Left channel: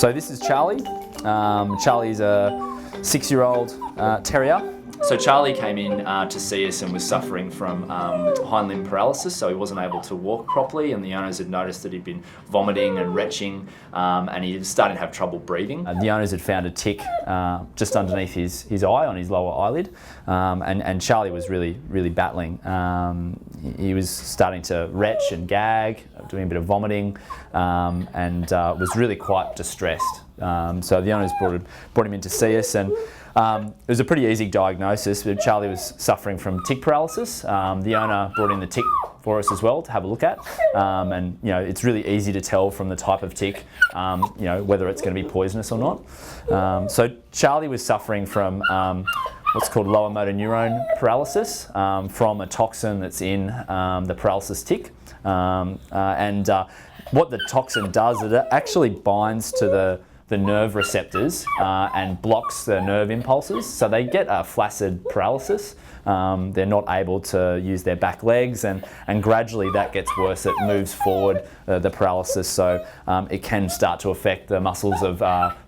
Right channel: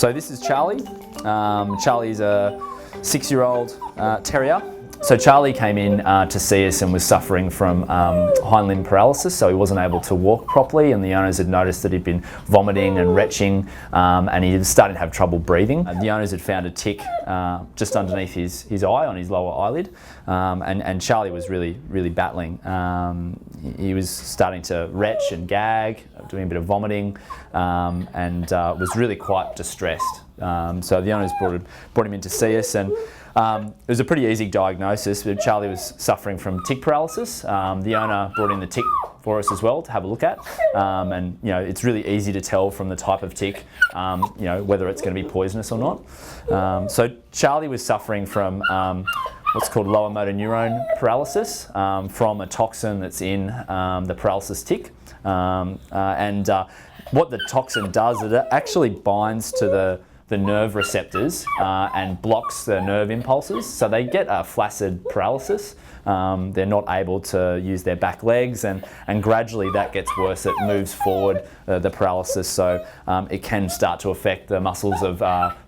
So this is Charlie. Charlie's a 6-year-old terrier. So Charlie came in to see us and was suffering from hind limb paralysis, so he wasn't able to walk properly, and the owners had noticed that he'd been vomiting and retching, and he was starting to have trouble breathing. The owners had found a tick just underneath his eye, on his lower eyelid, and Charlie was really battling. He was starting to retch and gag, doing a bit of vomiting, and was really quite distressed. So the owners brought him in to see us, and it was a pretty easy diagnosis. Charlie was suffering from tick paralysis. The owner brought in the tick for us as well to have a look at, and it's really easy to tell from the type of tick, whether it's going to be poisonous or not. So Charlie was suffering from what's called lower motor neuron paralysis from a toxin that's in the paralysis tick, and what the toxin does is it actually binds to the nerve receptors and blocks the nerve impulses, so they get a flaccid paralysis. They're not able to use their back legs, and gradually that gets worse. It moves forward, the paralysis, so it can start to affect the muscles of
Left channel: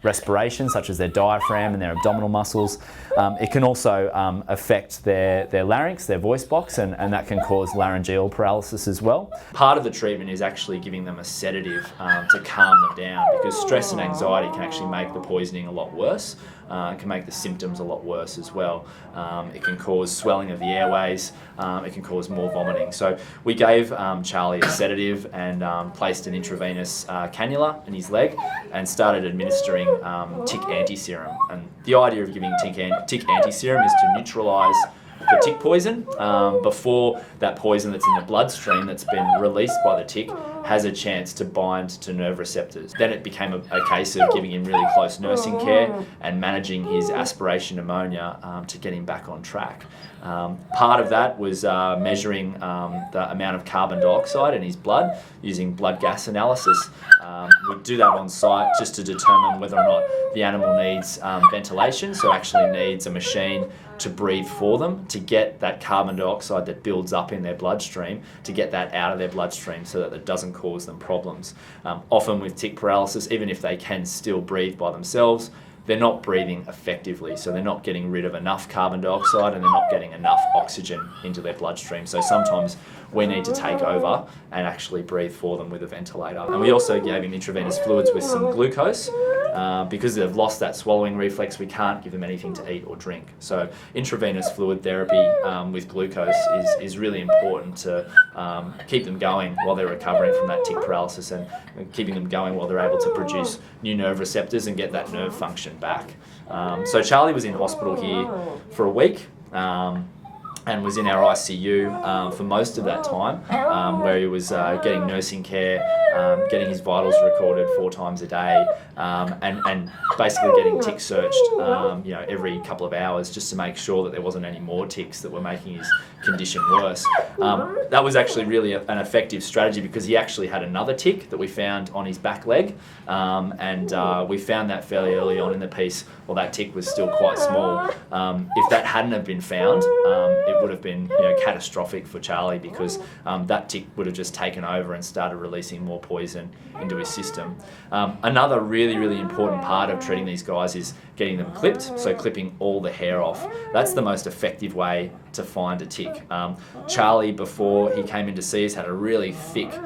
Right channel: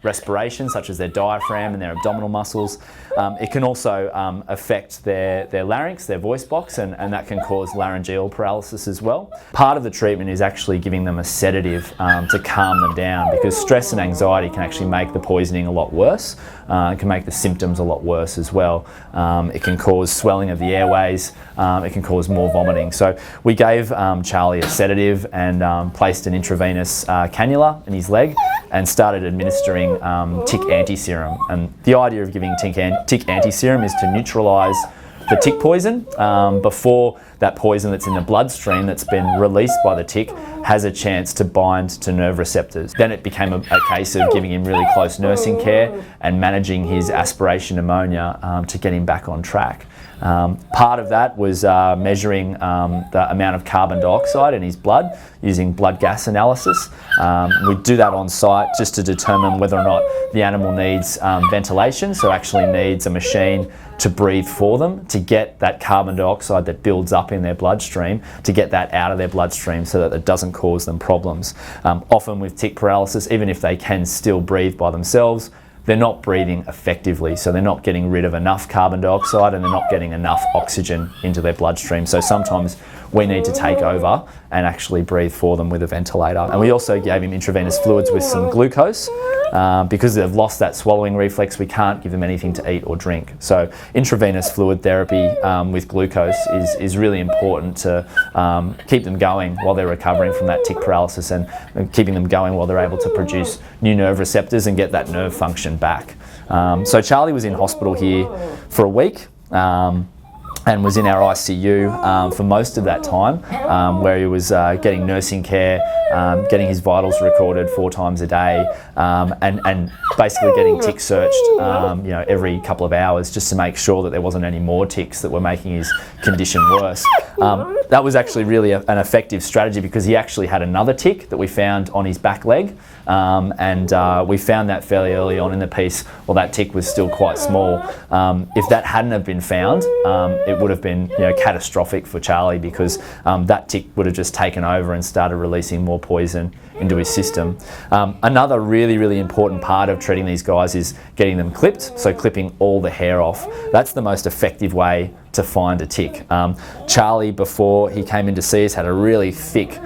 respiration, such as their diaphragm and their abdominal muscles. It can also affect their larynx, their voice box, and that can cause laryngeal paralysis as well. Part of the treatment is actually giving them a sedative to calm them down, because stress and anxiety can actually make the poisoning a lot worse. It can make the symptoms a lot worse as well. It can cause swelling of the airways. It can cause more vomiting. So we gave Charlie a sedative and placed an intravenous cannula in his leg and started administering tick anti-serum. And the idea of giving tick anti-serum is to neutralise the tick poison before that poison that's in the bloodstream that's been released by the tick has a chance to bind to nerve receptors. Then it became a case of giving him really close nursing care and managing his aspiration pneumonia to get him back on track. Part of that was measuring the amount of carbon dioxide in his blood using blood gas analysis. We do that on site just to determine whether or not the animal needs ventilation, so actually needs a machine to breathe for them, to get that carbon dioxide that builds up in their bloodstream, to get that out of their bloodstream so that it doesn't cause them problems. Often with tick paralysis, even if they can still breathe by themselves, they're not breathing effectively, so they're not getting rid of enough carbon dioxide and they're not getting enough oxygen into their bloodstream. So sometimes we need to take over and actually breathe for them with a ventilator. And we also gave him intravenous fluids with some glucose. Because they've lost that swallowing reflex, we can't give them anything to eat or drink. So intravenous fluid therapy with glucose is really important to keep them going while they're recovering from that tick paralysis, and keeping them going while they're able to produce new nerve receptors and get that nerve function back. So Charlie was in hospital here for a week. And was in our ICU for most of that time, where he was getting nursing care, getting his vitals recorded 4 times a day, and basically getting tick searched every couple of hours just to make sure that there wasn't any more ticks that were making his condition worse. That was actually really an effective strategy, because he actually had another tick that we found on his back leg, and we found that fairly early on in the piece. Well, that tick was still quite small. If that hadn't have been found, it would have been catastrophic for Charlie, because that tick would have just taken over and started releasing more poison into his system. Another really important part of treating these guys is getting them clipped, so clipping all the hair off. That's the most effective way to find a tick. Charlie, before he came in to see us, had a really thick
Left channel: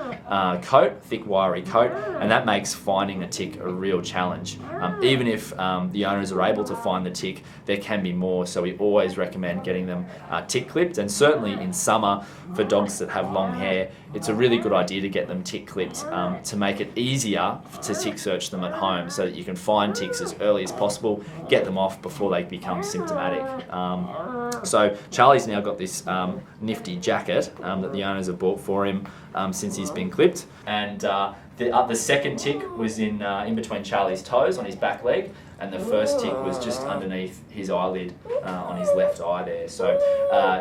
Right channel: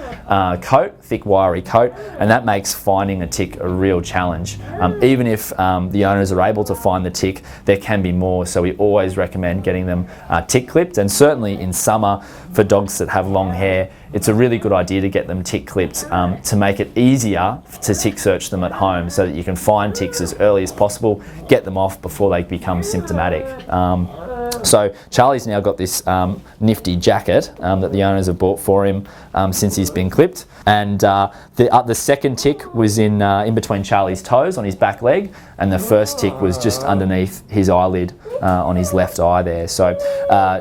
thick wiry coat, and that makes finding a tick a real challenge. Even if the owners are able to find the tick, there can be more, so we always recommend getting them tick clipped. And certainly in summer, for dogs that have long hair, it's a really good idea to get them tick clipped to make it easier to tick search them at home, so that you can find ticks as early as possible, get them off before they become symptomatic. So Charlie's now got this nifty jacket that the owners have bought for him since he's been clipped, and the second tick was in between Charlie's toes on his back leg, and the first tick was just underneath his eyelid on his left eye there. So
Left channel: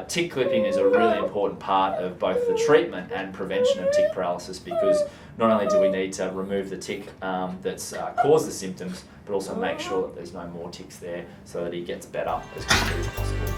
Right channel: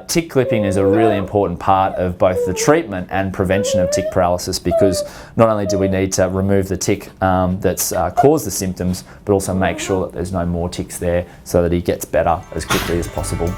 tick clipping is a really important part of both the treatment and prevention of tick paralysis, because not only do we need to remove the tick that's caused the symptoms, but also make sure that there's no more ticks there, so that he gets better as quickly as possible.